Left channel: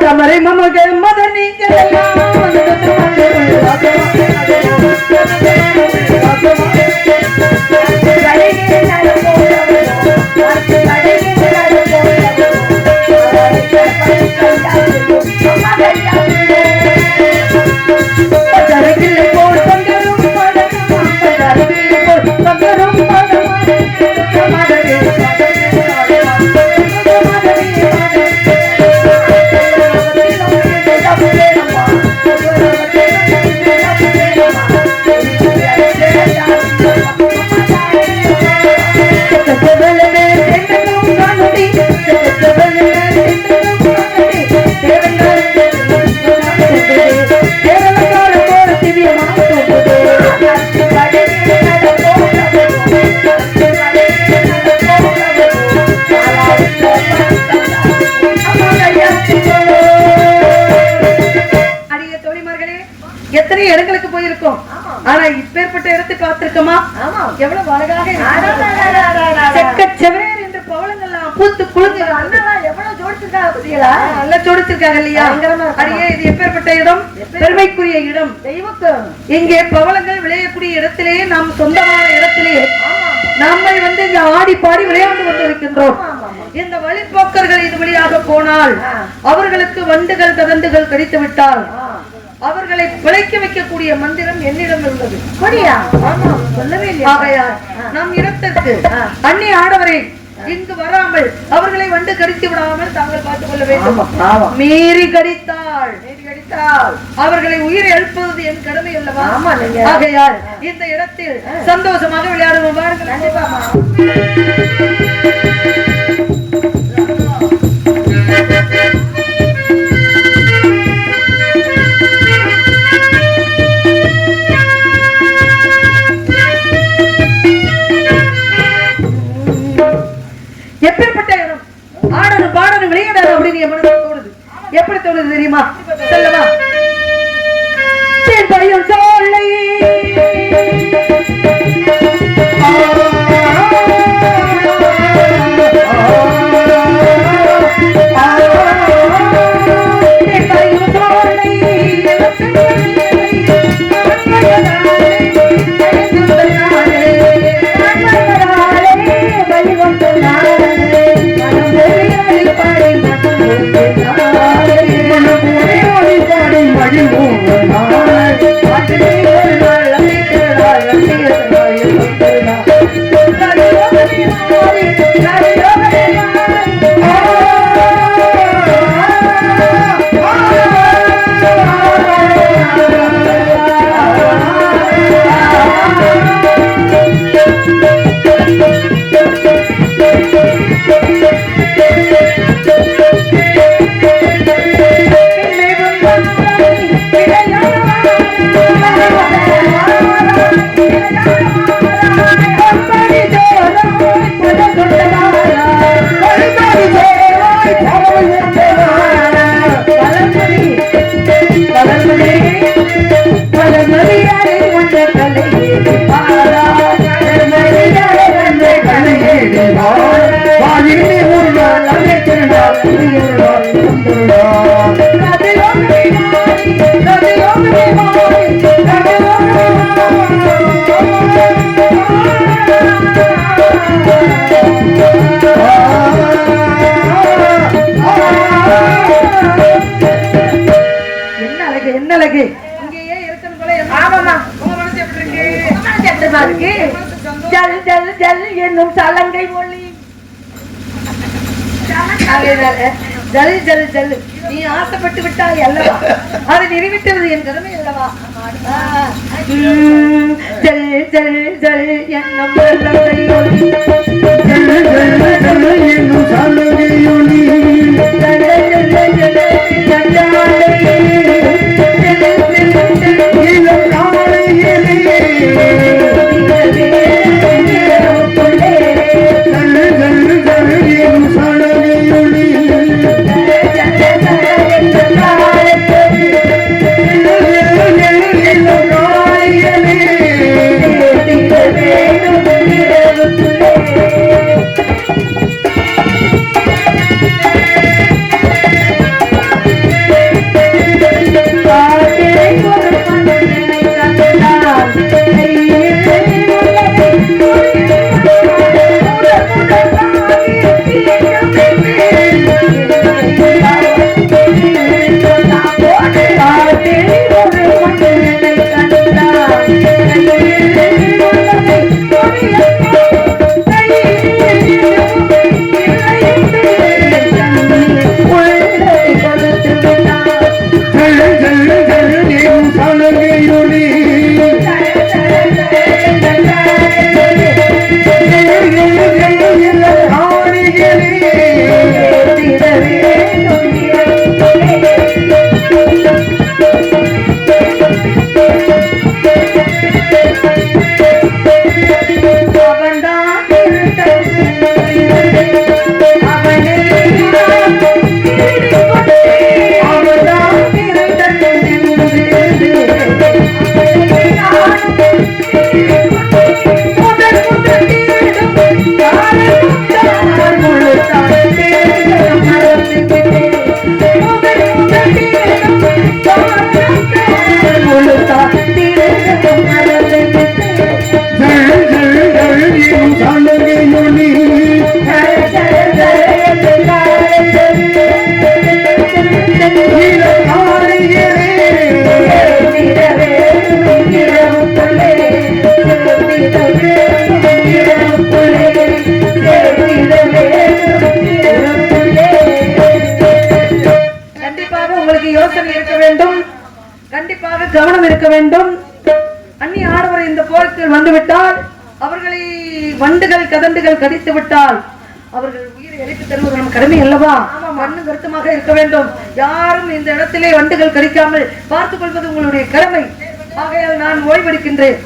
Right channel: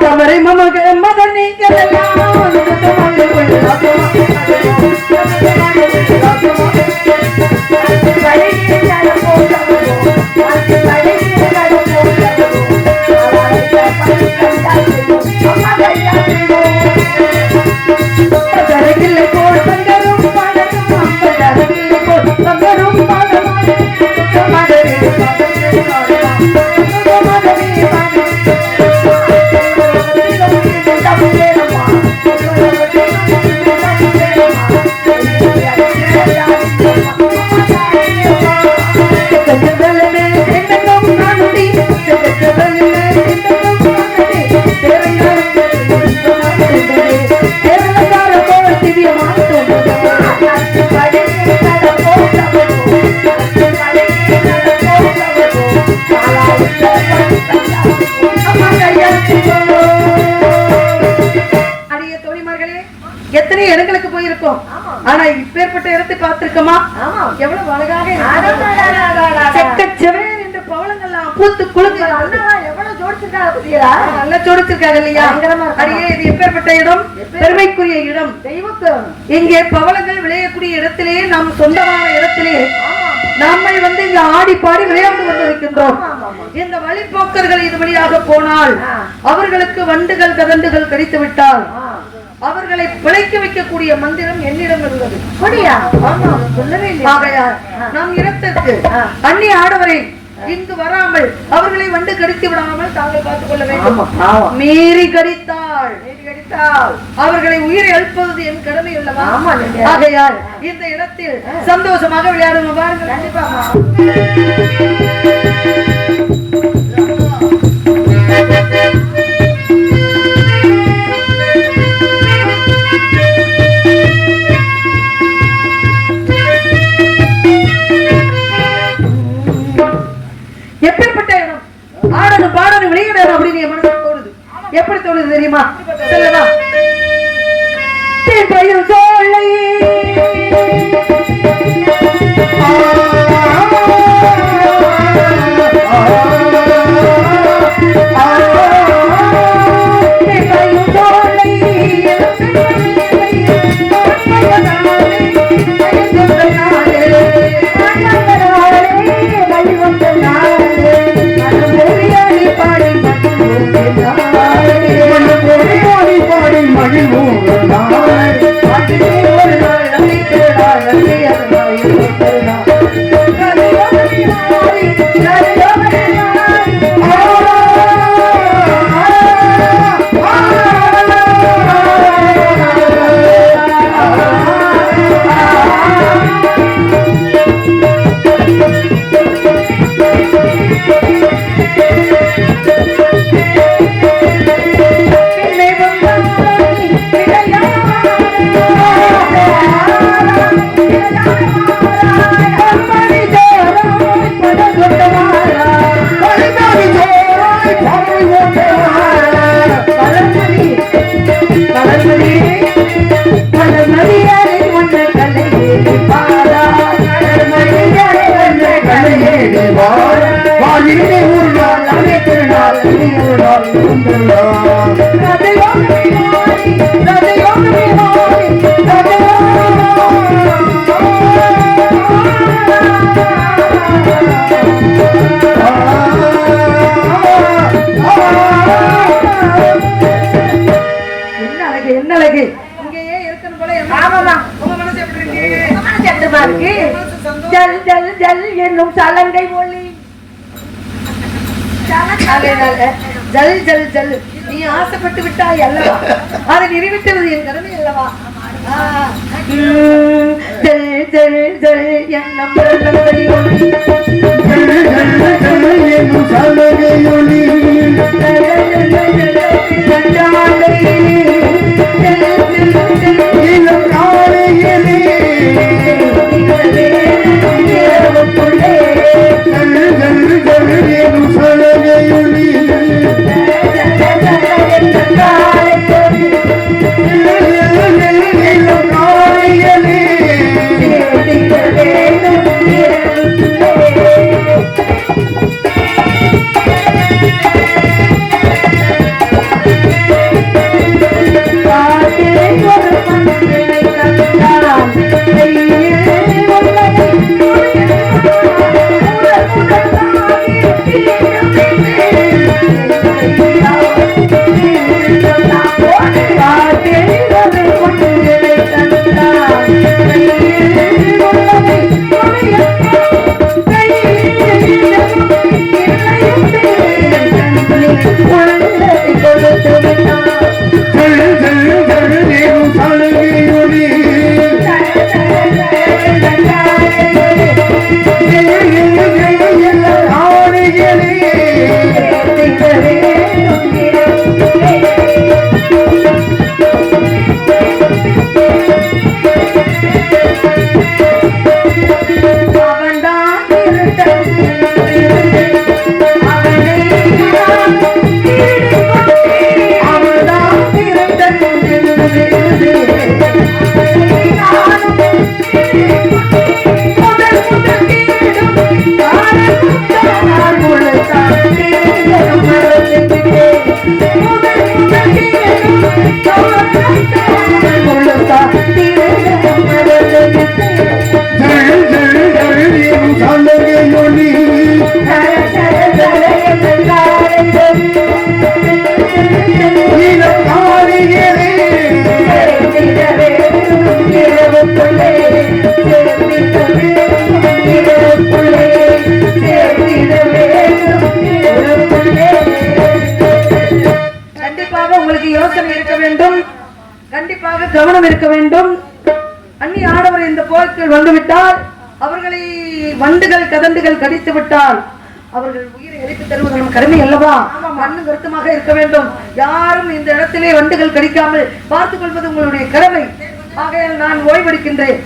ತಮರೆ ಮಮಗೆ ಮಗನಿಗೆಲ್ಲ இடங்களுக்கு போயிருக்கோம். ஆனா இப்பேற்பட்ட இடத்தை பார்த்திருக்கோமா? எவ்வளவு அழகாக என்று பவளங்கள்லாம் பூத்து குலுங்கு நல்லா ஜோடிச்சிருக்காங்க இல்லையா? அடியே இது எப்பேற்பட்ட இடம்? பெருமைக்குரிய இடம். இங்கே பவளங்கள் விளையக்கூடிய இடத்திலேயே நாம் சொந்தமான இடத்திலேயே நம்மை வந்து இங்க ஆடி பாடி விளையாண்டு கொண்டிருக்கின்றோம். இந்த வழிப்போக்கர்கள் இது வழியாக போனால் அவர்களுக்கு வண்டுகள் கதண்டுகள் கடித்து விட்டால் அவர்களை பிழைக்க வைக்கக்கூடிய மந்திரம் என்னிடம் உள்ளது. ஆகையால் நம் இடத்திற்கு அந்நிய ஆடவரை இங்கு வராமல் அவர்களை வண்டு கடித்து விடாமல் தாங்கள் பார்த்துக் கொள்ள வேண்டும் மீறி கடித்தாள் அவர்களை உயிரை அழிப்பது என் கடமை அல்லவா? ஆகையால் இந்த இடத்தில் சந்தோஷமாக விளையாடுவோம். வாருங்கள். எப்பேற்பட்ட ஆனது பாடது பாடணும் அப்படின்னு என் மனசு தோணுது? எப்படி தோணுது தெரியுமா? சொல்லமா? செம்பயம் சோலை என்னும் சலங்கை ஒளி ஜல் ஜல் ஜல் நீ ஆசைப்பட்டு விட்டாய் அல்லவா அதை நிரூபித்தது என் கடமை அல்லவா ஜல் ஜல் ஜல் என்னும் சலங்கை ஒளி ஜல் ஜல் ஜல் என்னும் சலங்கை கவனம் இருக்க வேண்டும். அந்நிய ஆடவர் இந்த கோயிலுக்கு வந்துவிட்டால் அவர்களை வண்டுகள் கதண்டுகள் கடித்து விட்டால் அவர்கள் உயிரை அழைத்து தருவது நம் கடமை அல்லவா? மண்ணும் கருத்துமாக இருக்க வேண்டும். யாரும் இந்த இடத்திலே வண்டுகள் கடிக்காமல் பார்த்துக் கொள்வது உங்களுடைய கடமை. ஆகையால் நான் ஓய்வெடுக்கின்றேன்.